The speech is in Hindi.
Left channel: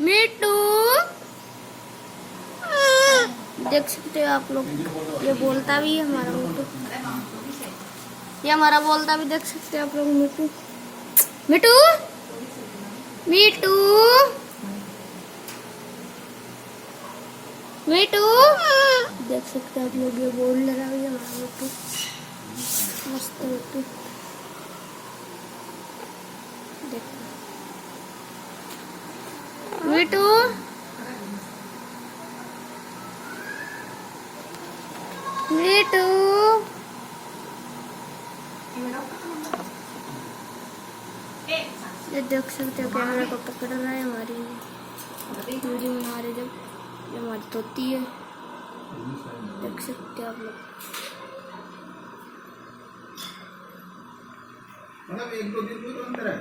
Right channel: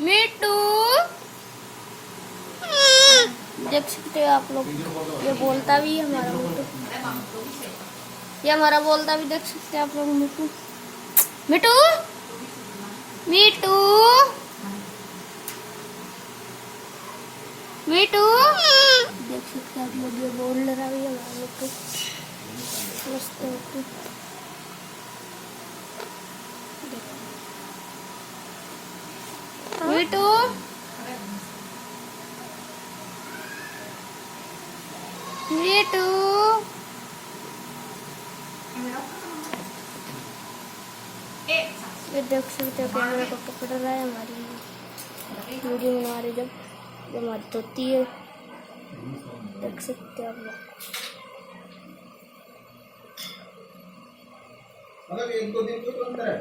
मिट्टू देख सकते हो आप लोग, ये बोलता भी है हमारा मिट्टू, ये हमारा बोलता भी देख सकते हैं आप लोग। मिट्टू मिट्टू मिट्टू मिट्टू देख सकते हैं आप लोग, ये बोल रहा भी है हमारा मिट्टू। मस्त है मिट्टू, मिट्टू मिट्टू ये देख सकते हो कैमरा को पकड़ रहा है, हमारी वीडियो बना रही, जब ये हमारी तोती है, देख सकते हैं आप लोग। मतलब 1-2 दिन कोई तो अंतर है।